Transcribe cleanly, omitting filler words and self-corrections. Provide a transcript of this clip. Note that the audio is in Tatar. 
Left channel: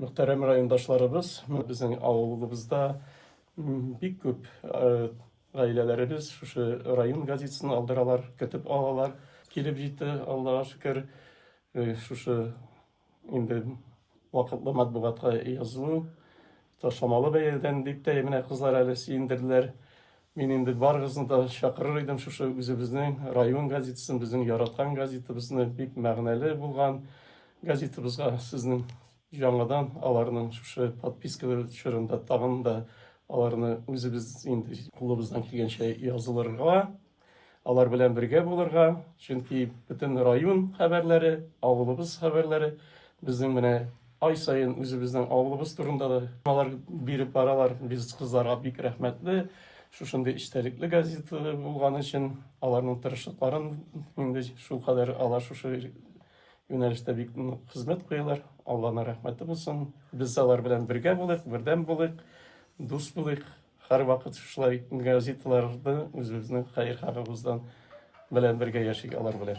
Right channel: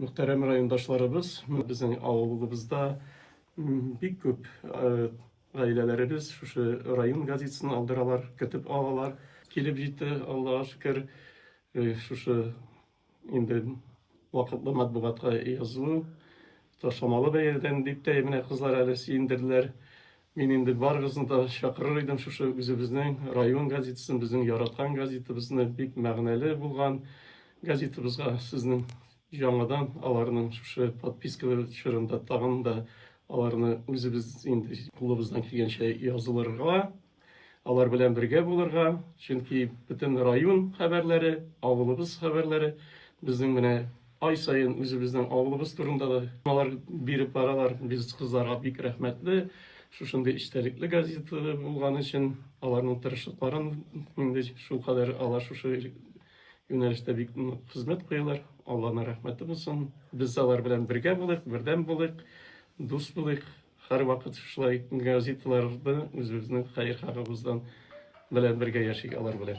Мөхтәрәм райондашларыбыз, безнең авылыбызда бик күп гаиләләребез шушы район газетасын алдыралар, көтеп алалар. Килеп җитте, Аллага шөкер, шушы инде вакытлы матбугатка язылу, ташламалы бәядән дип тә менә кызлар әле сөендерделәр. Мин инде барыгызны да чакырыр идем шушы үзебезнең район газетасын, безнең яраткан газетабызны, бик мәгънәле булган газетабызга сезнең яңадан аларның шушы подписка чорында тагын да аларны үзебез инде кулыбыздан килгәнчә язылырга, алар белән бергә булырга, чөнки бөтен район хәбәрләре, авылыбыз хәбәрләре безнең менә ай сайын үзебезнең авылыбыз турында да алар биреп баралар. Без кызларга бик рәхмәтле. Шушындый эчтәлекле газета булган өчен аларның тырышлыкларын инде шулкадәр алар шушы юнәлештә бик хезмәт куялар. Аллаһына рәхмәте булсын. Без алар белән бергә булыйк, бердәм булыйк, дус булыйк. Һәрвакыт шулай газеталарда үзебезнең хәер-хакыбыздан белән бергә яшик алар белән.